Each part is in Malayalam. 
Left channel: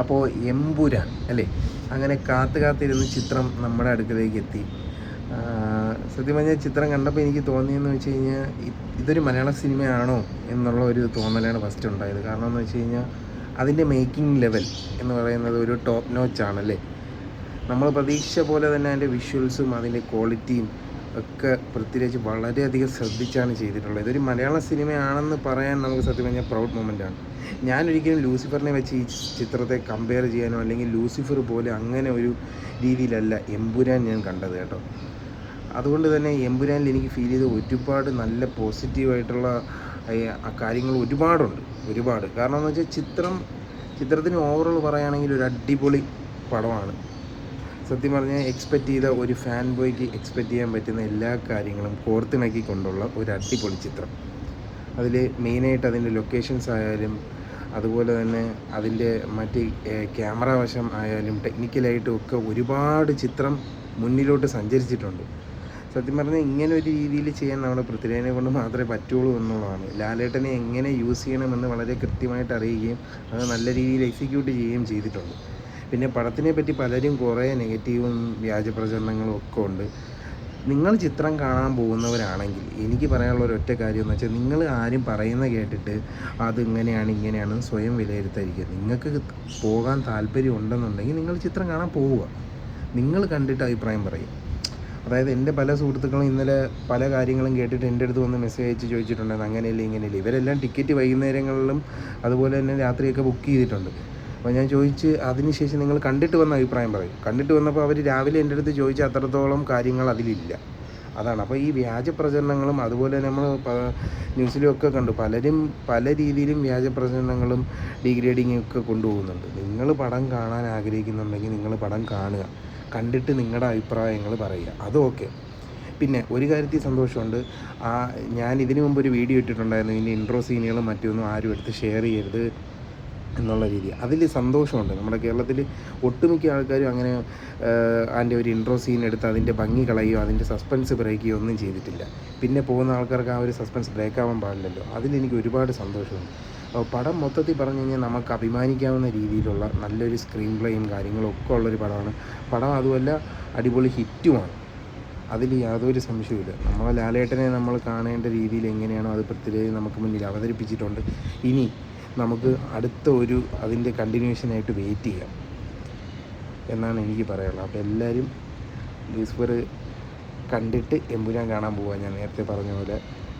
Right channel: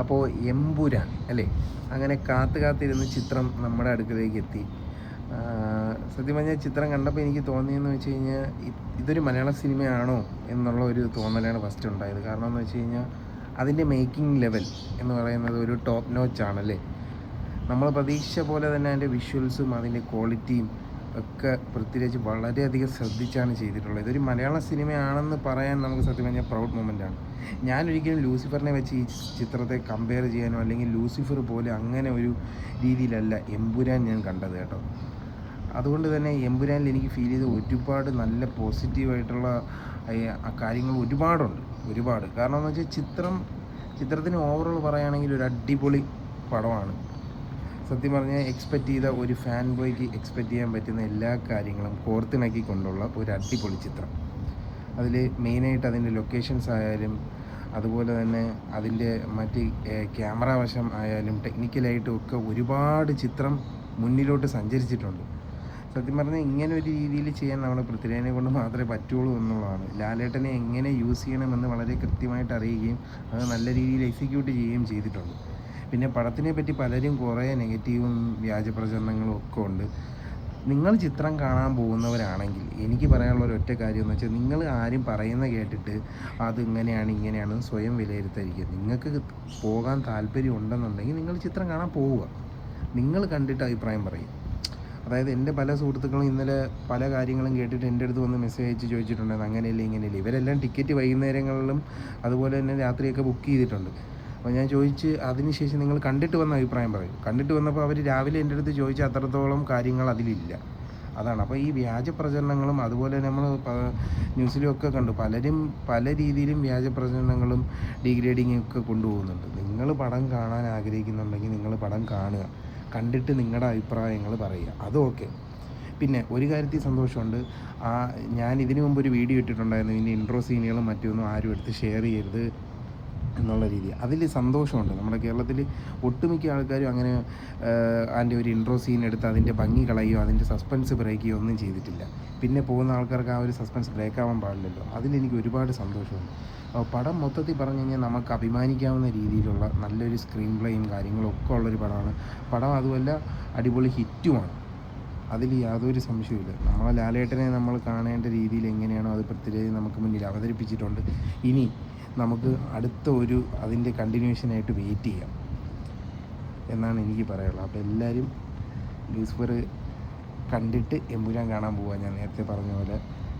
അപ്പോൾ എമ്പുരാൻ അല്ലേ, അങ്ങനെ കാത്തിരുന്ന് ചിത്രം നമ്മുടെ അടുക്കലേക്ക് എത്തി. സത്യം പറഞ്ഞാൽ ചിത്രം കണ്ടപ്പോൾ എനിക്ക് തോന്നിയെന്ന് വെച്ച് കഴിഞ്ഞാൽ ഇതൊരു മലയാള സിനിമയാണോ എന്നുള്ള ഒരു തോന്നലാണ് ഫസ്റ്റ് ഉണ്ടായത്. കാരണം എന്ന് വെച്ച് കഴിഞ്ഞാൽ അതിൻ്റെ മേക്കിംഗ് ലെവൽ എന്ന് പറയുന്നത് ഒരു ടോപ്പ് നോച്ചാണല്ലേ. നമ്മൾ പ്രതീക്ഷിച്ച പോലെ തന്നെ അതിൻ്റെ വിഷ്വൽസും അതിൻ്റെ ക്വാളിറ്റിയും ഒക്കെ പൃഥ്വിരാജ് വളരെയധികം ശ്രദ്ധിച്ചാണ് ചെയ്തിട്ടുള്ളത്. ഇതൊരു മലയാള സിനിമയാണെന്ന് പറയാൻ നമുക്ക് സത്യം പറഞ്ഞാൽ പ്രൗഡ് മൊമെൻ്റാണ്. ഞാനൊരിക്കലും ലൂസിഫറിനെ വെച്ച് ഈ ചിത്രത്തെ കമ്പയർ ചെയ്യാനോ അല്ലെങ്കിൽ ലൂസിഫർ പോലെ അങ്ങനെ ഒരു രീതിയിലല്ല എമ്പുരാൻ ഞാൻ കണ്ടത് കേട്ടോ. അതുകൊണ്ട് തന്നെ എമ്പുരാനിൽ എനിക്ക് ഫീൽ ചെയ്ത ഒരുപാട് നല്ല പോസിറ്റീവായിട്ടുള്ള കാര്യങ്ങൾ ഒരുപാട്. കാരണം എന്ന് വെച്ചാൽ ചിത്രത്തിന് ഓവറോൾ പറയുകയാണെങ്കിൽ ഒരു അടിപൊളി പടമാണ്. സത്യം പറഞ്ഞാൽ എക്സ്പെക്റ്റ് ചെയ്ത ഒരു ഫാൻ ബോയ്ക്ക് എക്സ്പെക്റ്റ് ചെയ്യാൻ പറ്റുന്ന എല്ലാ കാര്യങ്ങളും കോർത്തിണക്കിക്കൊണ്ടുള്ള ഒരു അടിപൊളി ചിത്രം. അതിൽ മെയിനായിട്ട് അതിൻ്റെ ലൊക്കേഷൻസ് ആയാലും അതുപോലെ തന്നെ അതിൻ്റെ മറ്റ് ക്യാമറ വശം ആയാലും ടെക്നിക്കലായിട്ടും ഒക്കെ ഒരുപാട് ചിത്രം മുന്നിലോട്ട് സഞ്ചരിച്ചിട്ടുണ്ട്. സത്യം പറഞ്ഞാൽ ഇങ്ങനെ ഒരു രീതിയിൽ ചെയ്യാൻ നമ്മുടെ പൃഥ്വിരാജിനെ കൊണ്ട് മാത്രമേ പറ്റുള്ളൂ എന്നുള്ളതാണ്. ലാലേട്ടനെ എങ്ങനെ യൂസ് ചെയ്യണമെന്ന് വളരെ കൃത്യമായിട്ട് അറിയുകയും അത് നല്ല രീതിയിൽ എക്സിക്യൂട്ട് ചെയ്യുകയും ചെയ്തിട്ടുണ്ട്. പിന്നെ പടത്തിനെ പറ്റി പലരും കുറേ നെഗറ്റീവും വ്യാജ പ്രചരണങ്ങളും ഒക്കെ ഉണ്ട്. നിങ്ങൾ ചിത്രം കാണാൻ പോകുന്നവരാണെങ്കിൽ എനിക്ക് പറയാനുള്ള ഒരു ഒറ്റ കാര്യം എന്ന് വെച്ചാൽ, നിങ്ങൾ ആരും പറയുന്ന കേട്ടിട്ട് അത് ഇങ്ങനെയാണെന്ന് സ്വയം വിലയിരുത്താതിരിക്കുക. നിങ്ങൾക്ക് പോകാൻ താല്പര്യം ഉണ്ടെന്നുണ്ടെങ്കിൽ നിങ്ങൾ ചിത്രം കാണാൻ പോവുക, നിങ്ങൾ കണ്ടിട്ട് അഭിപ്രായം പറയും. അതായത് എൻ്റെ പല സുഹൃത്തുക്കളും ഇന്നലെ പല കാര്യങ്ങളും കേട്ടിട്ട് എൻ്റെ അടുത്ത് വന്ന് മെസ്സേജ് അയച്ച് ചോദിച്ചിട്ടുണ്ടായിരുന്നു, അങ്ങനെയല്ല. ഇവരെല്ലാം ടിക്കറ്റ് വൈകുന്നേരങ്ങളിലും അതുപോലെ തന്നെ രാത്രിയൊക്കെ ബുക്ക് ചെയ്തിട്ടുണ്ട്. അപ്പോൾ ഞാൻ ചോദിച്ച് അതിനുശേഷം നിങ്ങൾ കണ്ടിട്ട് വന്ന അഭിപ്രായം പറയും. കണ്ടിട്ട് വന്നപ്പോൾ അവർ രാവിലെ എൻ്റെ അടുത്ത് ചോദിച്ച അത്രത്തോളം കാര്യങ്ങൾ അതിലില്ല. അതാണ്. അപ്പോൾ ഈ വ്യാജ പ്രചരണങ്ങളും അതുപോലെ നമ്മൾ ന്യൂസിലൊക്കെ കണ്ടു, പലരും പല രീതിയിലും വ്യാജ പ്രചരണങ്ങളും ഡീഗ്രേഡിങ്ങും ഒക്കെ കൊണ്ടുപോകുന്നുണ്ട്. നിങ്ങൾ പടം കാണാൻ ആഗ്രഹിക്കുന്നുണ്ടെങ്കിൽ നിങ്ങൾ പടം കാണുക, കണ്ടിട്ട് നിങ്ങളുടെ അഭിപ്രായങ്ങൾ പറയുക, അത് ഓക്കെ. പിന്നെ ഒരു കാര്യത്തിൽ സന്തോഷമുണ്ട്, ഞാൻ ഇതിനു മുമ്പ് ഒരു വീഡിയോ ഇട്ടിട്ടുണ്ടായിരുന്നു, ഇതിൻ്റെ ഇൻട്രോ സീനുകളും മറ്റൊന്നും ആരും എടുത്ത് ഷെയർ ചെയ്യരുത് എന്നുള്ള രീതി. അതിൽ സന്തോഷമുണ്ട്. നമ്മുടെ കേരളത്തിൽ ഒട്ടുമിക്ക ആൾക്കാരും അങ്ങനെ അതിൻ്റെ ഒരു ഇൻട്രോ സീൻ എടുത്ത് അതിൻ്റെ ഭംഗി കളയുകയോ അതിൻ്റെ സസ്പെൻസ് ബ്രേക്ക് ചെയ്യുകയോ ഒന്നും ചെയ്തിട്ടില്ല. പിന്നെ പോകുന്ന ആൾക്കാർക്ക് ആ ഒരു സസ്പെൻസ് ബ്രേക്ക് ആവാൻ പാടില്ലല്ലോ. അതിലെനിക്ക് ഒരുപാട് സന്തോഷമുണ്ട്. പടം മൊത്തത്തിൽ പറഞ്ഞു കഴിഞ്ഞാൽ നമുക്ക് അഭിമാനിക്കാവുന്ന രീതിയിലുള്ള നല്ലൊരു സ്ക്രീൻ പ്ലേയും കാര്യങ്ങളും ഒക്കെ ഉള്ളൊരു പടമാണ്. പടം അതുമല്ല അടിപൊളി ഹിറ്റുമാണ്, അതിൽ യാതൊരു സംശയവുമില്ല. നമ്മളെ ലാലേട്ടനെ നമ്മൾ കാണേണ്ട രീതിയിൽ എങ്ങനെയാണോ അത് പൃഥ്വിരാജ് നമുക്ക് മുന്നിൽ അവതരിപ്പിച്ചിട്ടുണ്ട്. ഇനി നമുക്ക് അടുത്ത അതിൻ്റെ കണ്ടിന്യൂഷനായിട്ട് വെയിറ്റ് ചെയ്യാം എന്നാണ് എനിക്ക് പറയാനുള്ളത്. അപ്പോൾ എല്ലാവരും ലൂസിഫർ കണ്ടിട്ട് എമ്പുരാൻ കാണാൻ പോകാൻ ഞാൻ നേരത്തെ പറഞ്ഞ പോലെ.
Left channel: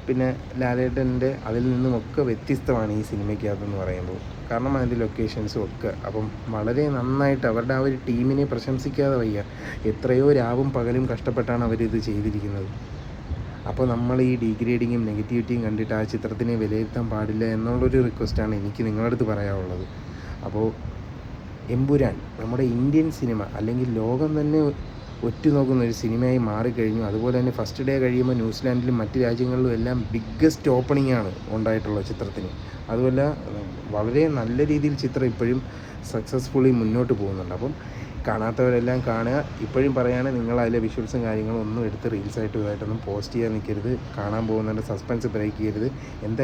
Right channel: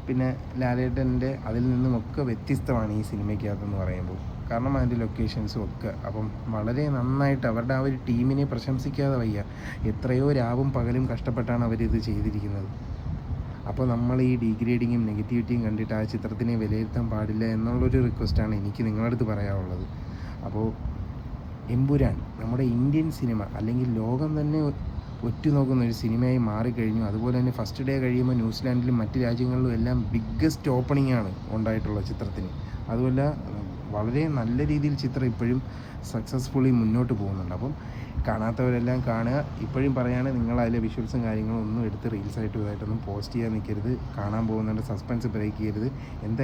പിന്നെ ലാലേട്ടൻ്റെ അതിൽ നിന്നുമൊക്കെ വ്യത്യസ്തമാണ് ഈ സിനിമയ്ക്കകത്തെന്ന് പറയുമ്പോൾ, കാരണം അതിൻ്റെ ലൊക്കേഷൻസും ഒക്കെ. അപ്പം വളരെ നന്നായിട്ട് അവരുടെ ആ ഒരു ടീമിനെ പ്രശംസിക്കാതെ വയ്യ. എത്രയോ രാവും പകലും കഷ്ടപ്പെട്ടാണ് അവരിത് ചെയ്തിരിക്കുന്നത്. അപ്പോൾ നമ്മൾ ഈ ഡീഗ്രേഡിങ്ങും നെഗറ്റിവിറ്റിയും കണ്ടിട്ട് ആ ചിത്രത്തിനെ വിലയിരുത്താൻ പാടില്ല എന്നുള്ളൊരു റിക്വസ്റ്റാണ് എനിക്ക് നിങ്ങളുടെ അടുത്ത് പറയാനുള്ളത്. അപ്പോൾ എമ്പുരാൻ നമ്മുടെ ഇന്ത്യൻ സിനിമ അല്ലെങ്കിൽ ലോകം തന്നെ ഒറ്റുനോക്കുന്ന ഒരു സിനിമയായി മാറിക്കഴിഞ്ഞു. അതുപോലെ തന്നെ ഫസ്റ്റ് ഡേ കഴിയുമ്പോൾ ന്യൂസിലാൻഡിലും മറ്റ് രാജ്യങ്ങളിലും എല്ലാം ബിഗ്ഗസ്റ്റ് ഓപ്പണിംഗ് ആണ് ഉണ്ടായിട്ടുള്ള ചിത്രത്തിന്. അതുമല്ല വളരെ നല്ല രീതിയിൽ ചിത്രം ഇപ്പോഴും സക്സസ്ഫുള്ളി മുന്നോട്ട് പോകുന്നുണ്ട്. അപ്പം കാണാത്തവരെല്ലാം കാണുക. ഇപ്പോഴും പറയുകയാണ്, നിങ്ങൾ അതിലെ വിഷ്വൽസും കാര്യങ്ങളും ഒന്നും എടുത്ത് റീൽസായിട്ടും ഇതായിട്ടൊന്നും പോസ്റ്റ് ചെയ്യാൻ നിൽക്കരുത്. കാണാൻ പോകുന്നതിൻ്റെ സസ്പെൻസ് ബ്രേക്ക് ചെയ്യരുത്. എന്താ